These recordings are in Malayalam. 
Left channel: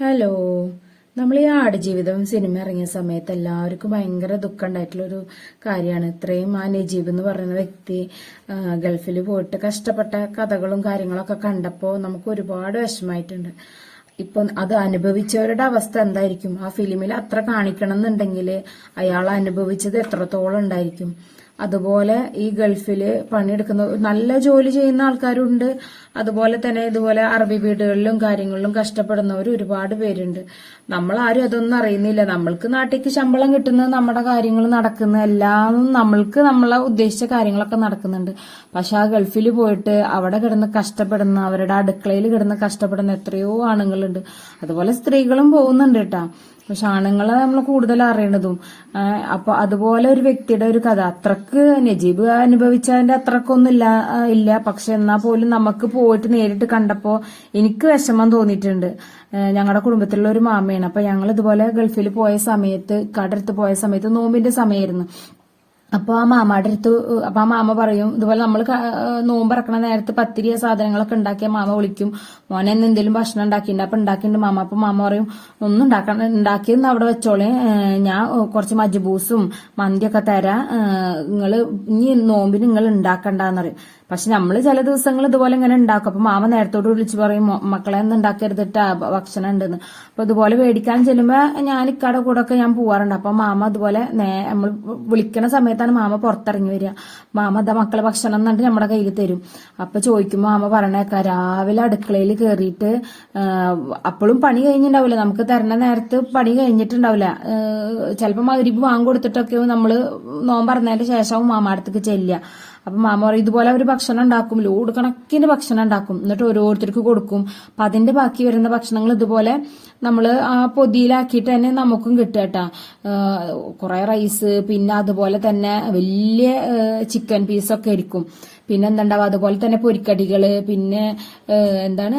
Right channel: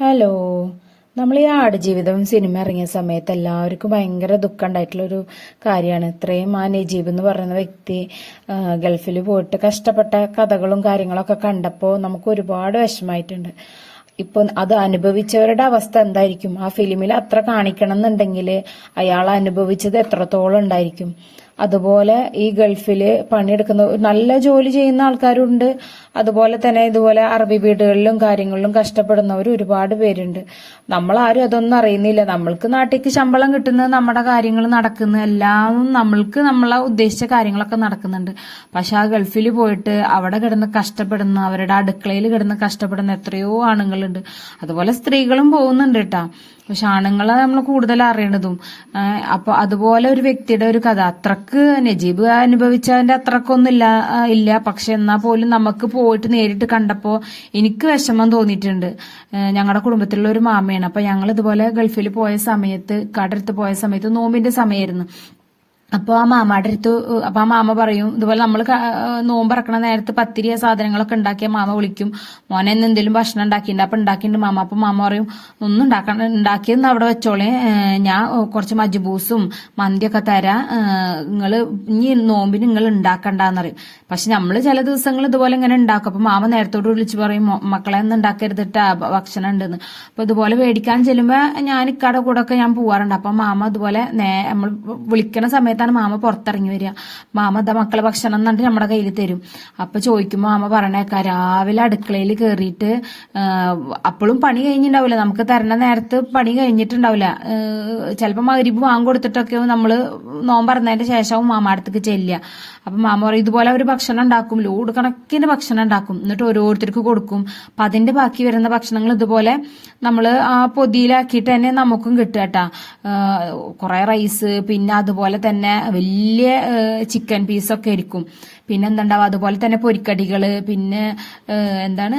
ഹലോ നമ്മൾ ഈ ആടുജീവിതം സിനിമ ഇറങ്ങിയ സമയത്ത് എല്ലാവർക്കും ഭയങ്കര ദുഃഖം ഉണ്ടായിട്ടുള്ളൊരു കാര്യമാണ്. ഇത്രയും ആ നജീബ് എന്ന് പറയുന്ന വ്യക്തി ഗൾഫിൽ പോയിട്ട് കഷ്ടപ്പെട്ട കഥകളും കാര്യങ്ങളൊക്കെ കണ്ടപ്പോൾ നമുക്ക് ഒരുപാട് വിഷമമായിട്ടുണ്ട്. ഇപ്പം അത് അനുഭവിച്ചവരുടെ അവസ്ഥ എന്തായിരിക്കും? ആ ഫിലിമിൽ അത്ര കാണിക്കണം എന്നുണ്ടെങ്കിൽ അയാൾ അനുഭവിച്ചത് എത്രത്തോളം ഉണ്ടായിരിക്കും? അതുപോലെ ഈ ഗൾഫിൽ പണിയെടുക്കുന്ന നല്ല ജോലി ചെയ്യുന്ന ആൾക്കാരുണ്ട്. അതുപോലെ തന്നെ ഇതുപോലെ അറബി വീടുകളിലും കാര്യങ്ങളിലും കഷ്ടപ്പെടുന്നവർ ഒരുപാട് പേരുണ്ട്. നമ്മളാരും അതൊന്നും അറിയുന്നില്ല. നമ്മൾക്ക് നാട്ടിലേക്ക് ശമ്പളം കിട്ടുന്നത് നമ്മുടെ കാര്യങ്ങൾ നടക്കുന്ന എല്ലാം നമ്മൾക്ക് നമ്മളെ ഉദ്ദേശിച്ച കാര്യങ്ങളൊക്കെ നടക്കുന്നുണ്ട്. പക്ഷെ ആ ഗൾഫിൽ പോയിട്ട് അവിടെ കിടന്ന് കഷ്ടപ്പെടുന്ന അവരുടെ അടുക്കളയിൽ കിടന്ന് കഷ്ടപ്പെടുന്ന എത്രയോ ആണുങ്ങളുണ്ട്. അതുപോലെ സ്ത്രീകളും പോകുന്നുണ്ട് കേട്ടാ. പക്ഷെ ആണുങ്ങളെ നമ്മൾ കൂടുതൽ അറിയണതും. ഏഹ് അപ്പൊ അതുപോലെ ഒരു വ്യക്തിയുടെ ഒരു കഥ. അത്രയ്ക്ക് നജീബ് അനുഭവിച്ചതിന്റെ അത്രക്കൊന്നും ഇല്ല ഇല്ല. പക്ഷെ എന്നാൽ പോലും നമുക്ക് പോയിട്ട് നേരിട്ട് കണ്ടപ്പോൾ എനിക്ക് വിഷമം തോന്നിയിട്ടുണ്ട്. ഞങ്ങളുടെ കുടുംബത്തിലുള്ള ഒരു മാമയാണ്. അപ്പൊ ഞങ്ങൾ ഇതുപോലെ ഗൾഫിൽ പോയ സമയത്ത് കടടുത്ത് പോയ സമയത്ത് നോമ്പിന്റെ സമയമായിരുന്നു അപ്പോൾ ആ മാമയുടെ അടുത്ത് അപ്പൊ ആ മാമ പറയും ഇതുപോലെ നമ്മൾ നോമ്പറക്കണ നേരത്ത് പത്തിരിയ സാധനങ്ങളൊക്കെ ഉണ്ടാക്കിയ മാമ വിളിക്കും. മോനെ ഇന്ന് എന്തെങ്കിലും ഭക്ഷണം ഉണ്ടാക്കിയിട്ടുണ്ട് അപ്പൊ ഉണ്ടാക്കിയിട്ടുണ്ട് മാമ. അപ്പൊ മാമ പറയും ഒന്നും ഉണ്ടാക്കണം ഉണ്ടാക്കിയെന്ന് അവിടെ വെച്ചോളെ. ഞാൻ കുറച്ച് മജ്ബൂസും മന്തിയൊക്കെ തരാം. നിങ്ങൾ ഇനി നോമ്പിന് നിങ്ങൾ ഉണ്ടാക്കണ്ടെന്ന് പറയും. പക്ഷെ നമ്മൾ ചില ദിവസങ്ങൾ ഇതുപോലെ ഇങ്ങനെ ഉണ്ടാക്കും. അപ്പൊ മാമ നേരത്തോട് വിളിച്ച് പറയും "മോ- മക്കളെ ഒന്നും ഉണ്ടാക്കരുതിട്ടാ ഭക്ഷണം ഉണ്ടെന്ന്. അപ്പൊ ഇതുപോലെ മേടിക്കാൻ ചെല്ലുമ്പോ ഞാൻ ഇക്കാടെ കൂടെ ഒക്കെ ഞാൻ പോവാറുണ്ട്. അപ്പൊ മാമ അതുപോലെ നേ- നമ്മൾ വിളിക്കണ സമയത്താണ് മാമ പുറത്തിറങ്ങി വരിക? മാമ ദാ മക്കളെ ഭക്ഷണം എന്നിട്ട് നമ്മുടെ കയ്യിൽ തരും. അപ്പൊ ചോദിക്കുമ്പോൾ മാമ പറഞ്ഞേക്കാ രാവിലെ അടുക്കളയിൽ കയറിയിട്ട് അപ്പോഴും പണി കഴിഞ്ഞിട്ടുണ്ടാവില്ല നമുക്ക് തരണ നേരത്ത് പണി കഴിഞ്ഞിട്ടുണ്ടാവില്ല ചിലപ്പോൾ മകരിപ്പ് വാങ്ങി കൊടുത്തിട്ടൊക്കെ നമ്മൾ നോമ്പറന്നതിന്റെ ശേഷവും മാമ അടുത്തേക്ക് ചെല്ലുക. അപ്പൊ മാമ പറയും ഇതുപോലെ അവർ ഭക്ഷണം ഉണ്ടാക്കും. ലോഡ് കണക്കിന് ഭക്ഷണം ഉണ്ടാക്കും. എന്നിട്ട് ഓരോരുത്തർക്ക് കൊടുക്കും. അപ്പൊ അതിന്റെ ബാക്കി വരുന്ന ഭക്ഷണങ്ങൾ ഇതുപോലെ നമ്മൾ ആ പൊതിയിലാക്കിയിട്ട് തന്നെ നമുക്കും കിട്ടുക കേട്ടാ കുറെ റൈസ് പിന്നെ അതുപോലെ തന്നെ വലിയ ചിക്കൻ പീസൊക്കെ ആയിരിക്കും. പിന്നെ എന്തുണ്ടാവും? അതുപോലെ തന്നെ പൊരിക്കടികൾ പിന്നെ എന്താണ്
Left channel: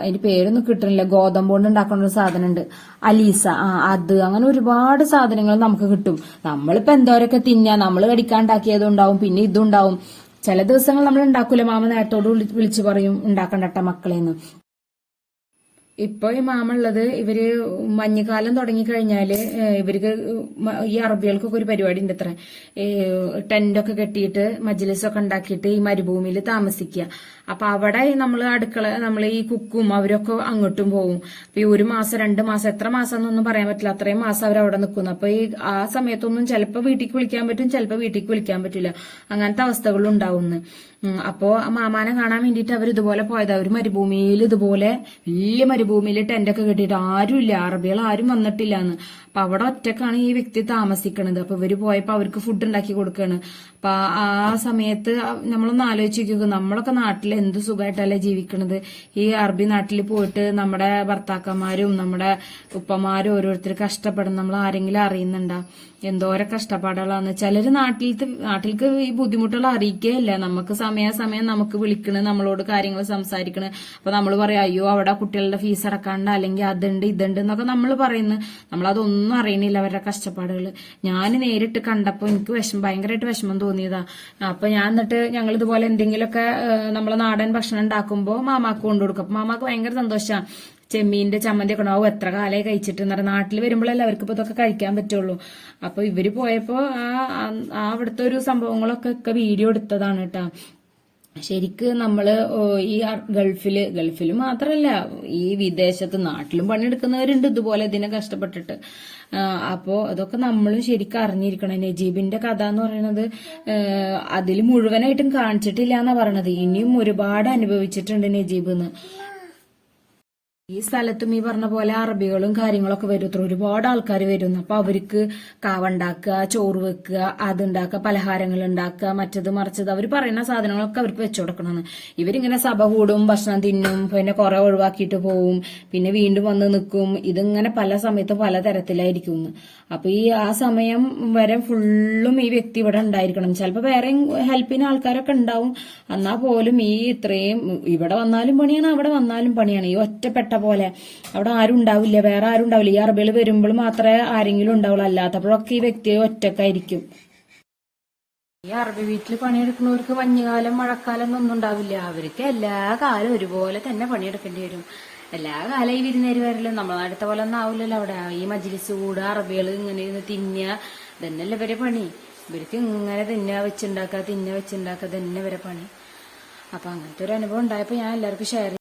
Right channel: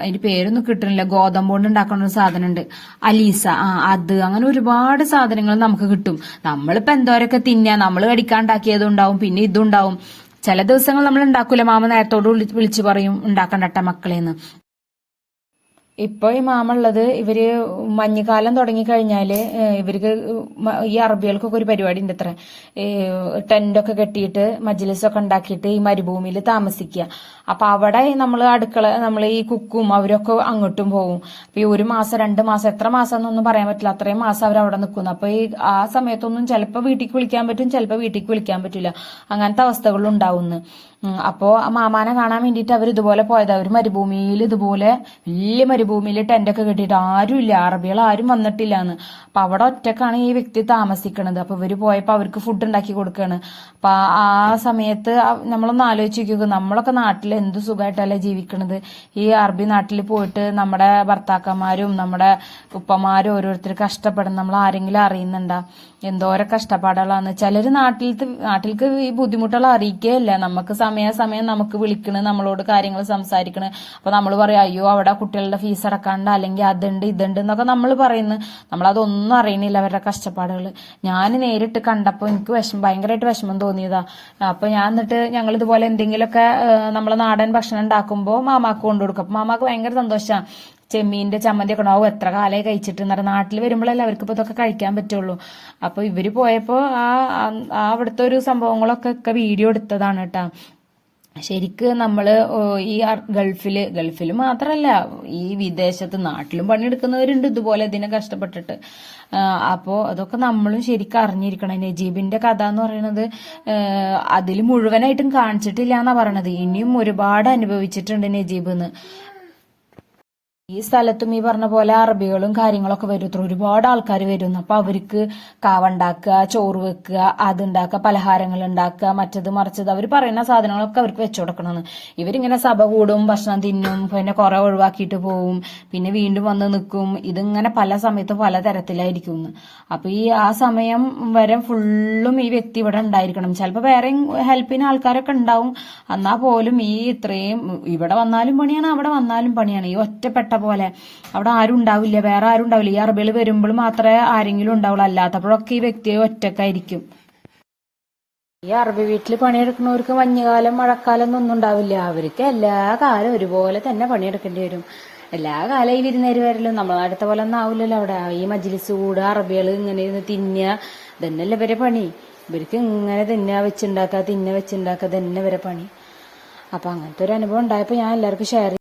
അതിന്റെ പേരൊന്നും കിട്ടണില്ല. ഗോതമ്പ് കൊണ്ട് ഉണ്ടാക്കുന്ന ഒരു സാധനമുണ്ട്. അലീസ ആ അത്. അങ്ങനെ ഒരുപാട് സാധനങ്ങൾ നമുക്ക് കിട്ടും. നമ്മളിപ്പോ എന്തോരൊക്കെ തിന്നാ? നമ്മൾ കടിക്കാണ്ടാക്കിയതും ഉണ്ടാവും. പിന്നെ ഇതുണ്ടാവും ചില ദിവസങ്ങൾ നമ്മൾ ഉണ്ടാക്കൂല. മാമ നേരത്തോട് വിളിച്ച് പറയും ഉണ്ടാക്കണ്ടട്ട മക്കളെന്ന്. ഇപ്പൊ ഈ മാമുള്ളത് ഇവർ മഞ്ഞുകാലം തുടങ്ങിക്കഴിഞ്ഞാൽ ഏഹ് ഇവർക്ക് ഈ അറബികൾക്കൊക്കെ ഒരു പരിപാടി ഉണ്ട് അത്ര ടെന്റൊക്കെ കെട്ടിയിട്ട് മജ്ലിസൊക്കെ ഉണ്ടാക്കിയിട്ട് ഈ മരുഭൂമിയിൽ താമസിക്കുക അപ്പൊ അവിടെ നമ്മൾ അടുക്കള നമ്മൾ ഈ കുക്കും അവരൊക്കെ അങ്ങോട്ടും പോകും അപ്പൊ ഈ ഒരു മാസം രണ്ട് മാസം എത്ര മാസം എന്നൊന്നും പറയാൻ പറ്റില്ല. അത്രയും മാസം അവർ അവിടെ നിൽക്കുന്നു അപ്പൊ ഈ ആ സമയത്തൊന്നും ചിലപ്പോൾ വീട്ടിലേക്ക് വിളിക്കാൻ പറ്റും ചിലപ്പോൾ വീട്ടിലേക്ക് വിളിക്കാൻ പറ്റില്ല അങ്ങനത്തെ അവസ്ഥകൾ ഉണ്ടാവുന്നു. അപ്പോൾ അപ്പോ ആ മാമാനെ കാണാൻ വേണ്ടിയിട്ട് അവർ ഇതുപോലെ പോയത്. അവർ മരുഭൂമിയിൽ ഇതുപോലെ വലിയ മരുഭൂമിയിൽ ടെന്റൊക്കെ കെട്ടിയിട്ട് ആരുമില്ല. അറബികൾ ആരും വന്നിട്ടില്ല എന്ന് അപ്പൊ അവിടെ ഒറ്റക്കാണ് ഈ വ്യക്തി താമസിക്കണത്. അപ്പൊ ഇവർ പോയപ്പോ അവർക്ക് ഫുഡ് ഉണ്ടാക്കി കൊടുക്കാണ്. അപ്പൊ ആ- സമയത്ത് നമ്മളൊന്ന് ആലോചിച്ച് നമ്മളൊക്കെ നാട്ടിൽ എന്ത് സുഖമായിട്ടല്ലേ ജീവിക്കണത്? ഈ അറബി നാട്ടിൽ പോയിട്ട് നമ്മുടെ ഭർത്താക്കന്മാരും നമ്മുടെ ഉപ്പമാരും ഓരോരുത്തർ കഷ്ടപ്പെടുന്ന നമ്മൾ ആരെങ്കിലും അറിയുന്നുണ്ടാ? എന്തോരം കഷ്ടപ്പാടുകളാണ് ചിലര് നാട്ടിലത്തെ നാട്ടിലേക്ക് ഈ ബുദ്ധിമുട്ടുകൾ അറിയിക്കുകയല്ല നമുക്ക് സമയാസമയം നമുക്ക് വിളിക്കണ് നമ്മളോട് കാര്യങ്ങൾ സംസാരിക്കണ്. അപ്പൊ നമ്മൾ പറയും അയ്യോ അവിടെ കുട്ടികളുടെ ഫീസ് അടക്കാണ്ട് അല്ലെങ്കിൽ അതുണ്ട് ഇതുണ്ട് എന്നൊക്കെ നമ്മൾ പറയുന്നു. നമ്മളതൊന്നും അറിയണില്ല അവരുടെ കഷ്ടപ്പാടുകൾ ഞാൻ നേരിട്ട് കണ്ടപ്പോൾ എനിക്ക് വിഷമം ഭയങ്കരമായിട്ട് വിഷമം തോന്നിയതാ. അപ്പൊ ഞാൻ എന്നിട്ട് ഞങ്ങൾ ഇതുപോലെ എന്തെങ്കിലുമൊക്കെ നമ്മളെ നാടൻ ഭക്ഷണം ഉണ്ടാക്കുമ്പോൾ മാമാക്ക് കൊണ്ടു കൊടുക്കും അപ്പൊ മാമാക്ക് ഭയങ്കര സന്തോഷമാണ് ചെമ്മീന്റെ ചമ്മന്തി ഒക്കെ ഉണ്ടാവും. എത്ര കാലമായി കഴിച്ചിട്ട് എന്ന് പറഞ്ഞാൽ നാട്ടിൽ വരുമ്പോഴല്ലേ അവർക്ക് ഇപ്പൊ ഇതൊക്കെ കഴിക്കാൻ പറ്റുള്ളൂ. അപ്പൊ ഇവർ പോയപ്പോ ആ അവിടുത്തെ ഒരു സംഭവങ്ങളൊക്കെ ഒക്കെ വീഡിയോ എടുത്തതാണ് കേട്ടാ. ശരിക്ക് നമ്മൾ ഈ ഗൾഫിൽ ഗൾഫിൽ മാത്രല്ല ഈ വിദേശത്ത് നാട്ടിലും പണിയെടുക്കുന്നവരുണ്ട് ഇതുപോലെ ഇതിനെ കഷ്ടപ്പെട്ടിട്ട്. അപ്പോൾ അപ്പോ അതൊക്കെ നമ്മളും ശരിക്കും അറിഞ്ഞിരിക്കണം. നജീബിന്റെ കഥ എന്ന് പറയുന്നത് അതിൽ മുഴുവനായിട്ടും കാണിച്ചിട്ടില്ല എന്നാ പറയണത്. ഇനിയും ഒരുപാട് അനുഭവിച്ചിട്ടുണ്ട് നജീബ് എന്ന്. ഈ സ്ഥലത്തും ഈ പറഞ്ഞ പോലെ അറബികളും കാര്യങ്ങളൊക്കെ വരും. ഒരുപാട് ആൾക്കാർ വരുന്നു. അപ്പൊ അവർക്ക് കാവ ഉണ്ടാക്കുക ചോറ് വെക്കുക അതുണ്ടാക്കുക പലഹാരങ്ങൾ ഉണ്ടാക്കുക മറ്റത് മറിച്ചത് അവർ പറയുന്ന സാധനങ്ങളൊക്കെ അവർക്ക് വെച്ചു കൊടുക്കണമെന്ന് ഇവരിങ്ങനെ സഭ കൂടും ഭക്ഷണം തിന്നും പിന്നെ കുറെ ഒഴിവാക്കിയിട്ട് പോവും പിന്നെ വീണ്ടും വന്ന് നിൽക്കും. ഇതിങ്ങനെ പല സമയത്തും പല തരത്തിലായിരിക്കും. അപ്പൊ ഈ ആ സമയം വരെ ഫുള്ളും ഈ വ്യക്തി ഇവിടെ ഉണ്ടായിരിക്കണം. ചിലപ്പോൾ വേറെ ഹെൽപ്പിന് ആൾക്കാരൊക്കെ ഉണ്ടാവും. എന്നാൽ പോലും ഈ ഇത്രയും ഇവിടെ വന്നാലും പണിയാണ് അവിടെ വന്നാലും പണിയാണ്. ഈ ഒറ്റപ്പെട്ട പോലെ. അവിടെ ആരും ഉണ്ടാവില്ല. വേറെ ആരും ഉണ്ടാവില്ല. ഈ അറബികൾ വരുമ്പോൾ മാത്രമേ ആരെങ്കിലും ഉണ്ടാവുള്ളൂ. അല്ലാത്തപ്പോഴൊക്കെ ഈ വ്യക്തി ഒറ്റക്കായിരിക്കും ഈ അറബി വീട്ടിൽ പണിയെടുക്കുന്നവർക്ക് മഞ്ഞുകാലം മഴക്കാലം ഒന്നും ഉണ്ടാവില്ല. അവർക്ക് എല്ലാ കാലം ഒരുപോലെ തന്നെ പണിയെടുക്കേണ്ടി വരും. എല്ലാ കാലം ഇരുന്നേര് വരല്ലോ. വരലും നമ്മളെ അടുത്ത പോലെ ഒന്നും ആവില്ലല്ലോ അവിടെ. ഈ മജ്ലിസ് കൂടുക അറബികൾ ഇങ്ങനെ ഇരുന്ന് തിന്നുക. ഇതന്നെയല്ലേ ഇവരെ പണി. ഇവർക്ക് ഇങ്ങനെ തിന്നുക വെച്ചുണ്ടാക്കുക തിന്നുക വെച്ചുണ്ടാക്കുക. തന്നെ ഇവരെ പണി. അപ്പൊ അങ്ങനത്തെ ഒരു അനുഭവം ഉണ്ടായപ്പോൾ ഞാൻ എല്ലാവർക്കും ഷെയർ